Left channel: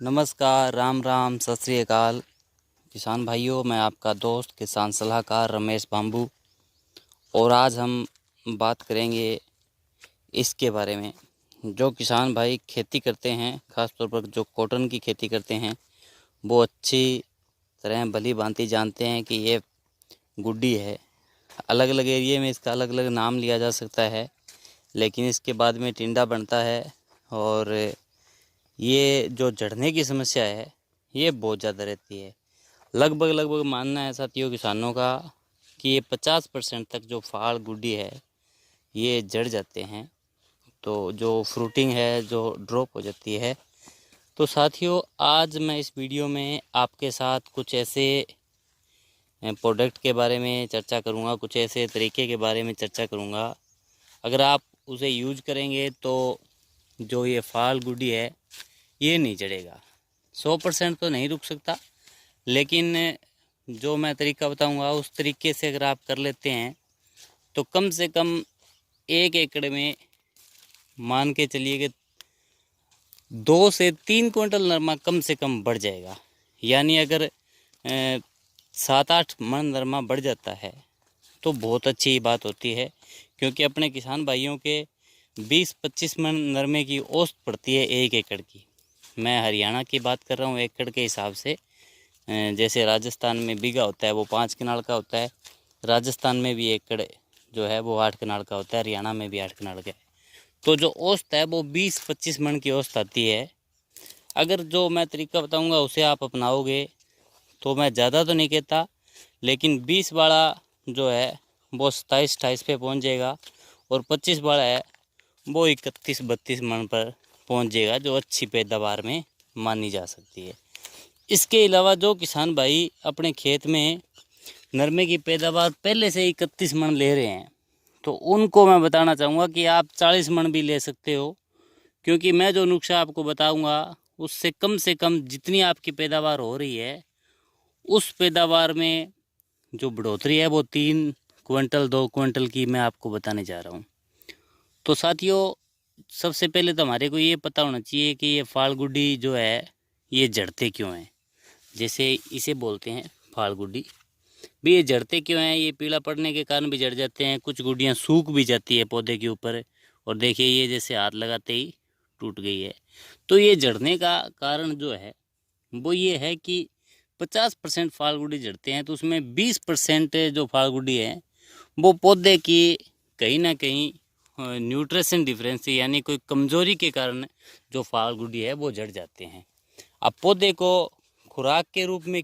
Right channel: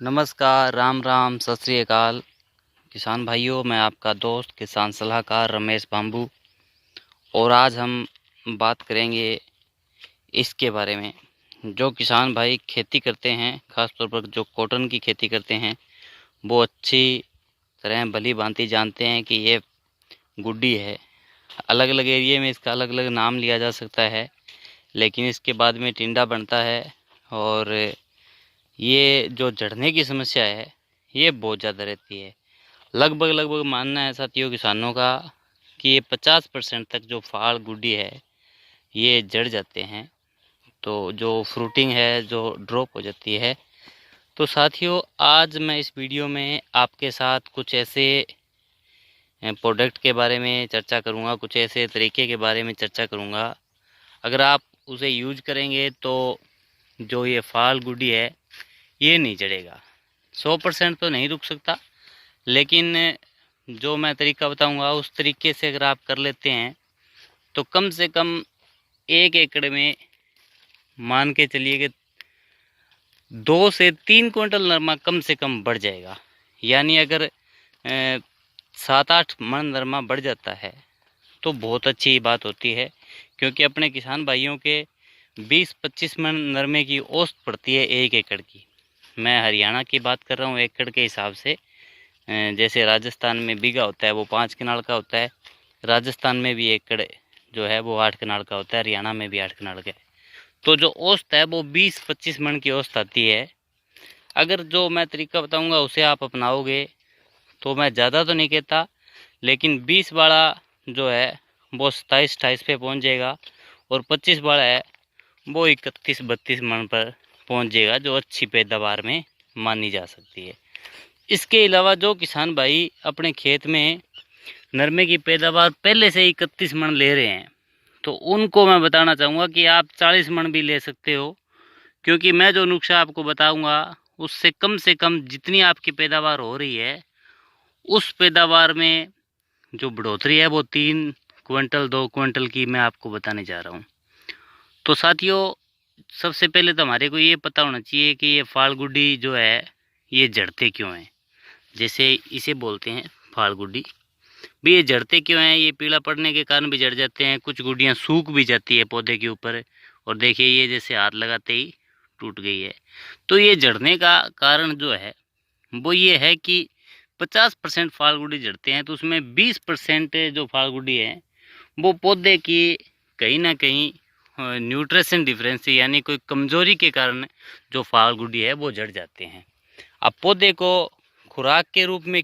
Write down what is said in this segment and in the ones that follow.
नमस्कार, राम राम, सत श्री अकाल। किसान भाइयों, मैं आपका दोस्त किसान सलाहकार रमेश बांबू। और आज हम बात करेंगे इसके बारे में, जो किसान भाई खेती करते हैं, ख़ास तौर पर जो कॉटन की खेती करते हैं, वो अच्छी तरह भली भांति जानते हैं कि ये गुड्डी है। अलग अलग एरिया में इसका अलग अलग नाम लिया जा सकता है, लेकिन इसके बाद में टिंडा बनता है। और ये जो झड़ने की समस्या है, ये बहुत ज़्यादा रहती है। लगभग मानना है साथियों किसानों का कि ये 50% तक जो फाड़ गुड्डी है ये जड़ जाते हैं। तो जो फ्रूटिंग है जो ड्रॉप हो जाती है। तो साथियों, आज मैं इस वीडियो में आपके साथ कुछ ऐसे प्रोडक्ट के बारे में चर्चा करूंगा, कुछ ऐसे तरीके के बारे में चर्चा करूंगा। अगर आप उसे यूज करेंगे तो जो ये फाड़ गुड्डी है ये नहीं जड़ेगा। 100% तो नहीं रुक सकता, लेकिन जो मैं तरीका बताऊंगा उस तरीके से अगर आप कर लेते हैं तो कम से कम 1 एकड़ में मान के चलिए कि 2 से 3 क्विंटल नरमा कम से कम बढ़ जाएगा। यानी अगर 7-8 मन नरमा बढ़ जाता है तो बहुत अच्छी बात होती है, क्योंकि अपने किसान भाइयों के 20-25 मन नरमे की औसत पड़ती है 1 एकड़ की। मैं हरियाणा की बात कर रहा हूँ एकड़ के हिसाब से। जैसे राजस्थान में बीघा होता है वो 5 कनाल का होता है, राजस्थान में भी एकड़ जो है वो 8 कनाल का होता है, हरियाणा में भी 8 कनाल का है। तो जो औसत है वो 20-25 मन की औसत आती है। अगर जो मैं तरीका बताऊंगा उसे आप अपनाओगे तो मैं ज़्यादा तो नहीं कहता, लेकिन 20 वाला जो है वो 27-28 पे पहुंच जाएगा, और 25 वाला है वो 31-32 मन पर पहुंच जाएगा, जो अच्छी पैदावार में मानी जा सकती है। इसके अलावा जो किसान भाई अपने खेत में नरमे की पैदावार पहले से 31 मन ले रहे हैं, तो उनको मैं बताना चाहूँगा कि आप 40 मन भी ले सकते हो। क्योंकि मैं जो नुस्खा आपको बताऊँगा उससे कम से कम जितनी आपकी पैदावार हो रही है उस पैदावार में जो बढ़ोतरी है वो 3 क्विंटल 2 क्विंटल की मैं आपको बताने जा रहा हूँ। तो साथियों, सबसे पहले तो हमारे को ये पता होना चाहिए कि ये फाड़ गुड्डी जो है ये जड़ते क्यों हैं। जैसे इसे बोलते हैं फाड़ गुड्डी। भी ये जड़ते क्यों हैं? ये पीला पड़ने के कारण भी जड़ जाते हैं, कुछ गुड्डियाँ सूख भी जाती है पौधे के ऊपर। और देखिए ये जैसे हाथ लगाते ही टूट गई है। तो ये जड़ने का कारण जो है वो ये है कि 50% फाड़ गुड्डी जड़ते हैं, तो उसमें 20% जो फाड़ गुड्डी है वो पौधे की कहीं ना कहीं न्यूट्रिशन डिफरेंसी यानी कोई कमज़ोरी के कारण जो फाड़ गुड्डी है वो जड़ जाते हैं। अब पौधे को खुराक के रूप में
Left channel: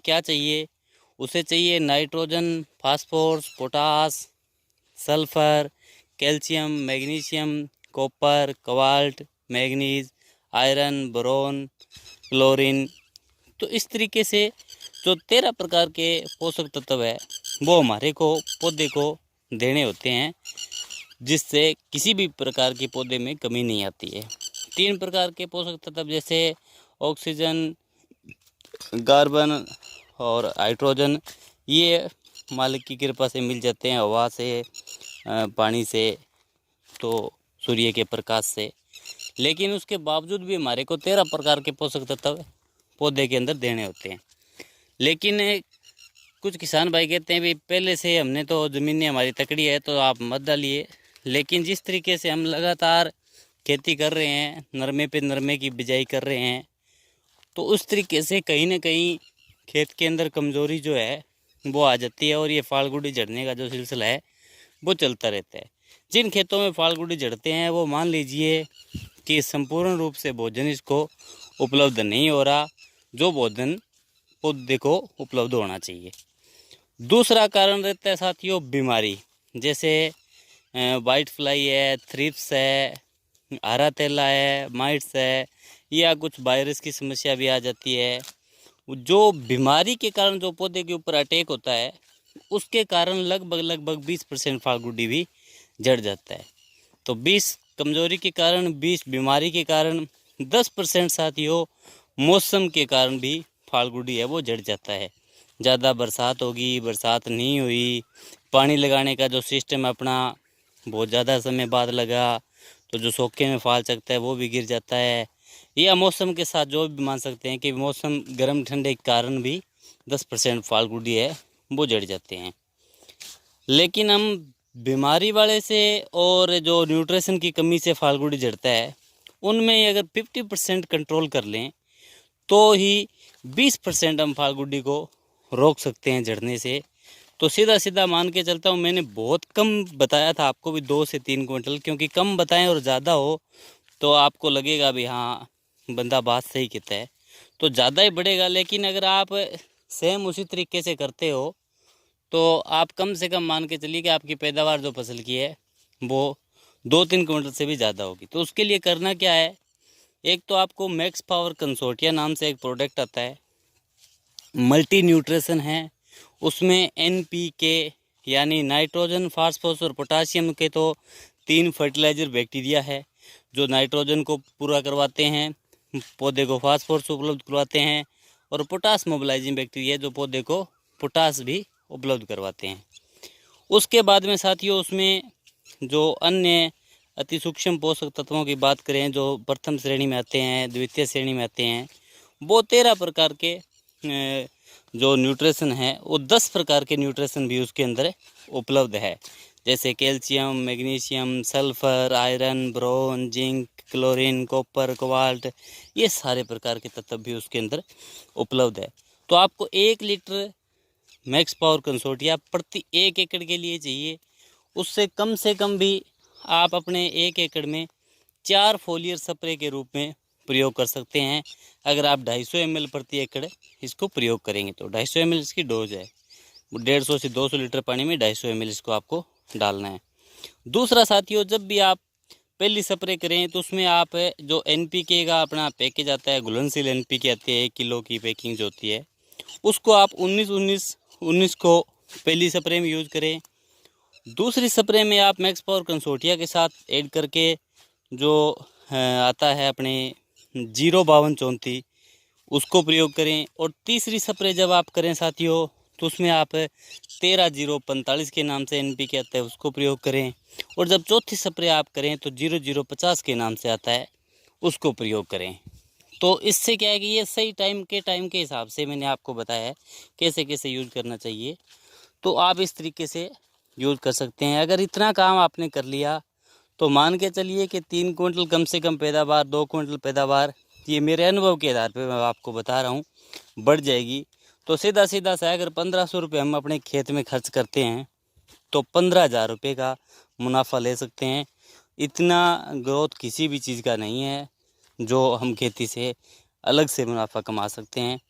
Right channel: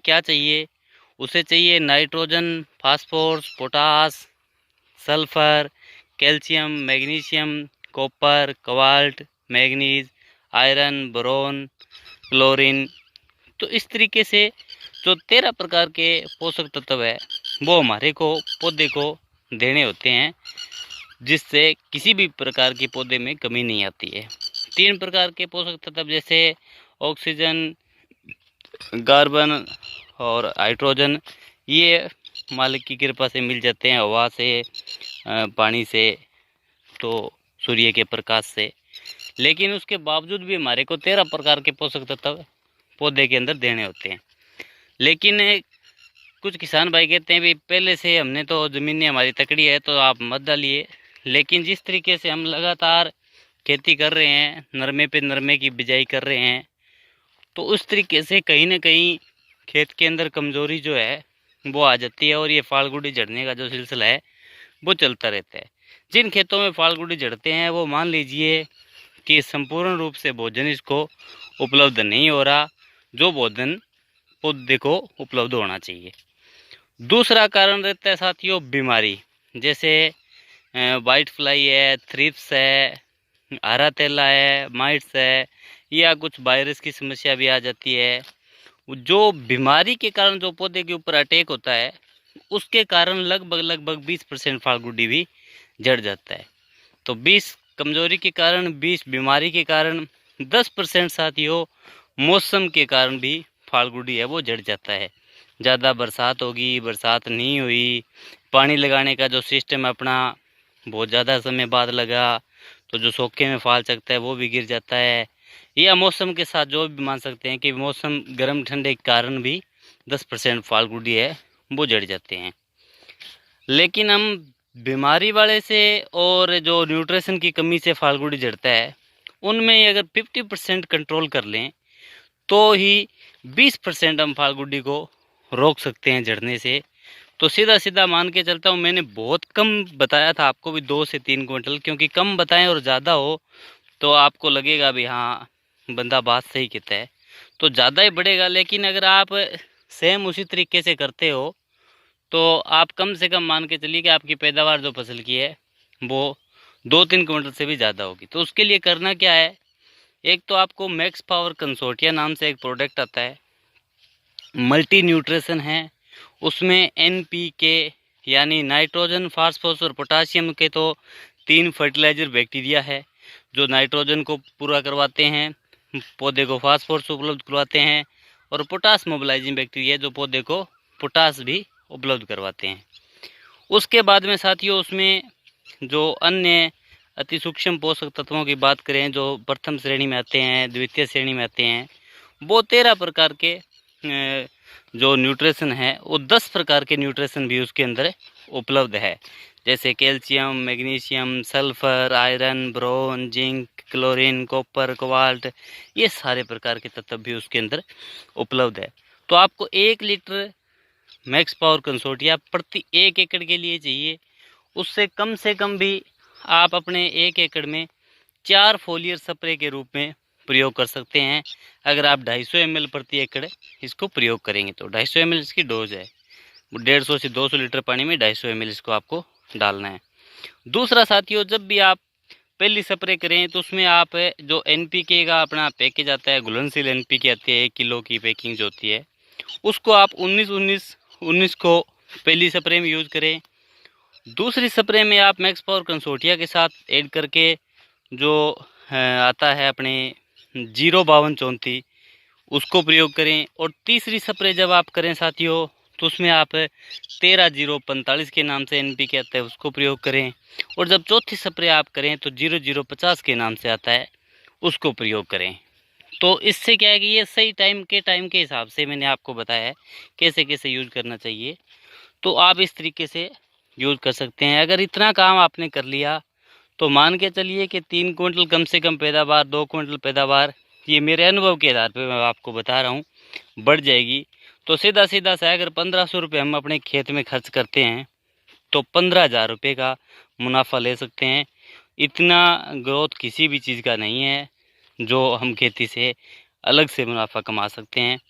क्या चाहिए? उसे चाहिए nitrogen, phosphorus, potash, sulphur, calcium, magnesium, copper, cobalt, manganese, iron, boron, chlorine. तो इस तरीके से जो 13 प्रकार के पोषक तत्व है वो हमारे को पौधे को देने होते हैं, जिससे किसी भी प्रकार के पौधे में कमी नहीं आती है। 3 प्रकार के पोषक तत्व जैसे ऑक्सीजन, कार्बन और हाइड्रोजन, ये मालिक की कृपा से मिल जाते हैं हवा से, पानी से, तो सूर्य के प्रकाश से। लेकिन उसके बावजूद भी हमारे को 13 प्रकार के पोषक तत्व पौधे के अंदर देने होते हैं। लेकिन कुछ किसान भाई कहते हैं भी पहले से हमने तो ज़मीनें हमारी तकड़ी है तो आप मत डालिए। लेकिन जिस तरीके से हम लगातार खेती कर रहे हैं, नरमे पे नरमे की बिजाई कर रहे हैं, तो उस तरीके से कहीं ना कहीं खेत के अंदर कमज़ोरी जो है वो आ जाती है, और ये फाड़ गुड्डी झड़ने का जो सिलसिला है वो चलता रहता है। जिन खेतों में फाड़ गुड्डी झड़ते हैं वो मान लीजिए कि संपूर्ण रूप से भोजन इसको उपलब्ध नहीं हो रहा, जो भोजन पौधे को उपलब्ध होना चाहिए। दूसरा कारण रहता है साथियों बीमारी, जैसे वाइट फ्लाई है, थ्रिप्स है, हरा तेला है, माइट्स है, या कुछ वायरस की समस्या भी आ जाती है। जो बीमारी के कारण जो पौधे के ऊपर अटैक होता है उसके कारण लगभग 20% फाड़ गुड्डी भी जड़ जाता है। तो 20 कमज़ोरी के कारण, 20 बीमारी के कारण, 10% साथियों मौसम के कारण भी फाड़ गुड्डी है वो जड़ जाता है। ज़्यादा बरसात होगी, बरसात नहीं हुई, पानी लगाने का जो सिस्टम अपना बहुत ज़्यादा समय बाद लगा, तो जो सोखे में फाल चकता है वो भी गिर जाता है, या मौसम के साथ जो भी मान सकते हैं कि मौसम गर्म ठंडे के कारण भी 10% फाल गुडी है वो जड़ जाते हैं। लेकिन हम बीमारी वाले से और जो न्यूट्रिशन की कमी से फाल गुडी झड़ता है उनमें अगर 50% कंट्रोल कर लें तो ही 20% हम फाल गुडी को रोक सकते हैं झड़ने से। तो सीधा सीधा मान के चलता हूँ, मैंने बहुत कम बताया था आपको भी 2 से 3 क्विंटल, क्योंकि कम बताएं और ज़्यादा हो तो आपको लगेगा भी हाँ बंदा बात सही कहता है, तो ज़्यादा ही बढ़ेगा। लेकिन अगर आप सेम उसी तरीके से करते हो तो आप कम से कम मान के चलिए कि आपकी पैदावार जो फसल की है वो 2-3 क्विंटल से भी ज़्यादा होगी। तो उसके लिए करना क्या है, एक तो आपको मैक्स पावर कंसोर्टिया नाम से एक प्रोडक्ट आता है, मल्टी न्यूट्रिशन है, उसमें NPK यानी नाइट्रोजन, फास्फोरस और पोटाशियम के तो 3 फर्टिलाइज़र बैक्टीरिया है जो नाइट्रोजन को पूरा करवाते हैं, पौधे को फास्फोरस उपलब्ध करवाते हैं, और पोटास मोबिलाइजिंग बैक्टीरिया जो पौधे को पोटास भी उपलब्ध करवाते हैं। उसके बाद में साथियों उसमें जो अन्य अति सूक्ष्म पोषक तत्वों की बात करें जो प्रथम श्रेणी में आते हैं, द्वितीय श्रेणी में आते हैं, वो 13 प्रकार के जो न्यूट्रिशन है वो 10 प्रकार के न्यूट्रिशन भी उसके अंदर उपलब्ध है, जैसे calcium, magnesium, sulphur, iron, boron, zinc, chlorine, copper, cobalt, ये सारे प्रकार के तत्व भी उसके अंदर उपलब्ध है। तो आपको 1 लीटर मैक्स पावर कंसोर्टिया प्रति 1 एकड़ के लिए चाहिए। उससे कम से कम भी आप अपने 1 एकड़ में 4 फोलियर स्प्रे के रूप में प्रयोग कर सकते हैं। अगर आप 250 ml प्रति एकड़ इसको प्रयोग करेंगे तो 250 ml इसकी डोज है, 150 से 200 लीटर पानी में 250 ml इसको आपको डालना है। दूसरा साथियों, जब भी आप पहली स्प्रे करें तो उसमें आप जो NPK का अपना पैकेज आता है, घुलनशील NPK आती है 1 किलो की पैकिंग जो होती है, उसको आप 19-19-19 को पहली स्प्रे में यूज़ करें। दूसरी स्प्रे में आप मैक्स पावर कंसोर्टिया के साथ ऐड करके जो आता है अपने 05234 उसको प्रयोग करें। और तीसरी स्प्रे जब आप करें साथियों तो उसमें आप 13045 के नाम से NPK आता है उसको प्रयोग करें। और जब चौथी स्प्रे आप करें तो 0050 के नाम से आता है उसको प्रयोग करें। तो इससे क्या है कि ये सही टाइम के हिसाब से मैंने आपको बताया है कैसे कैसे यूज़ करना चाहिए, तो आप इस तरीके से यूज़ कर सकते हैं। अगर इतना काम आपने कर लिया तो मान के चलिए कि 3 क्विंटल कम से कम पैदावार, 2 क्विंटल पैदावार, ये मेरे अनुभव के आधार पे मैं आपको बता रहा हूँ, बढ़ जाएगी। तो सीधा सीधा सा अगर 1500 रुपये हम अपने खेत में खर्च करते हैं तो 15,000 रुपये का मुनाफा ले सकते हैं। इतना ग्रोथ किसी भी चीज़ का नहीं है जो हम खेती से अलग से मुनाफा कमा सकते हैं।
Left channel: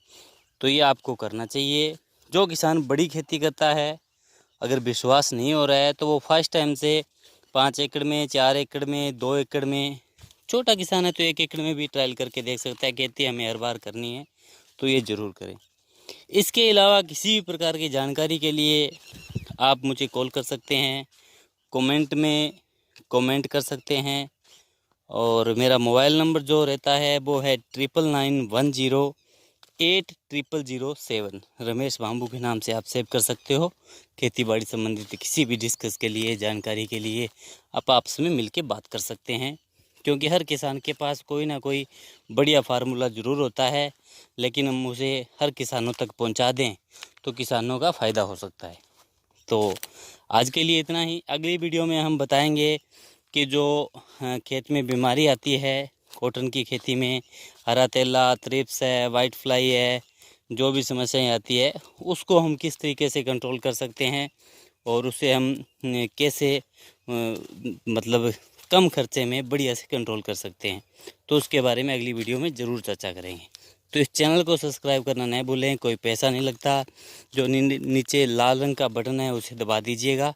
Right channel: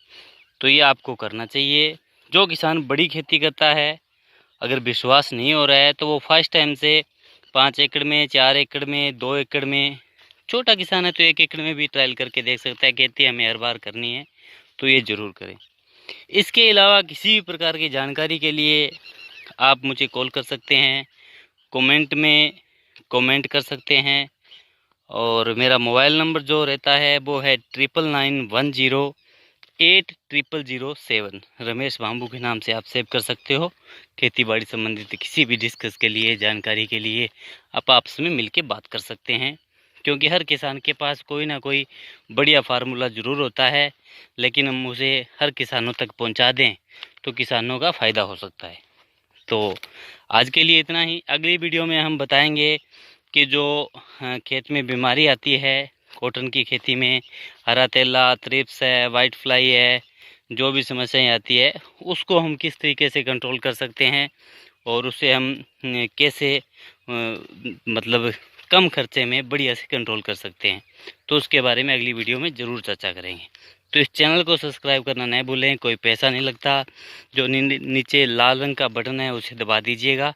तो ये आपको करना चाहिए। जो किसान बड़ी खेती करता है, अगर विश्वास नहीं हो रहा है तो वो फर्स्ट टाइम से 5 एकड़ में, 4 एकड़ में, 2 एकड़ में, छोटा किसान है तो 1 एकड़ में भी ट्रायल करके देख सकता है। खेती हमें हर बार करनी है तो ये ज़रूर करें। इसके अलावा किसी भी प्रकार की जानकारी के लिए आप मुझे कॉल कर सकते हैं, कमेंट में कमेंट कर सकते हैं, और मेरा मोबाइल नंबर जो रहता है वो है 9991080007। रमेश बाम्बू के नाम से आप सेव कर सकते हो। खेती बाड़ी संबंधित किसी भी डिस्कस के लिए, जानकारी के लिए आप आपस में मिल के बात कर सकते हैं, क्योंकि हर किसान के पास कोई ना कोई बढ़िया फार्मूला ज़रूर होता है, लेकिन हम उसे हर किसानों तक पहुंचा दें तो किसानों का फ़ायदा हो सकता है। तो आज के लिए इतना ही। अगली वीडियो में हम बताएंगे कि जो खेत में बीमारी आती है कॉटन की खेती में, हरा तेला, थ्रिप्स है, वाइट फ्लाई है, जो भी समस्याएं आती है उसको हम किस तरीके से कंट्रोल कर सकते हैं और उसे हम कैसे मतलब कम खर्चे में बढ़िया से कंट्रोल कर सकते हैं, तो उसके बारे में अगली वीडियो में ज़रूर चर्चा करेंगे। तो इस चैनल को सब्सक्राइब करना नहीं भूलें, कोई पैसा नहीं लगता। जो नीचे लाल रंग का बटन है उसे दबा दीजिएगा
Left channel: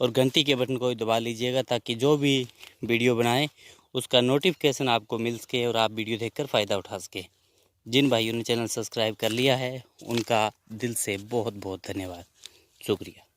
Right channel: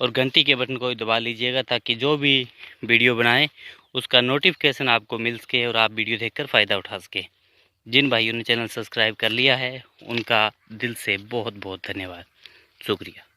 और घंटी के बटन को दबा लीजिएगा, ताकि जो भी वीडियो बनाएं उसका नोटिफिकेशन आपको मिल सके और आप वीडियो देखकर फ़ायदा उठा सके। जिन भाइयों ने चैनल सब्सक्राइब कर लिया है उनका दिल से बहुत बहुत धन्यवाद, शुक्रिया।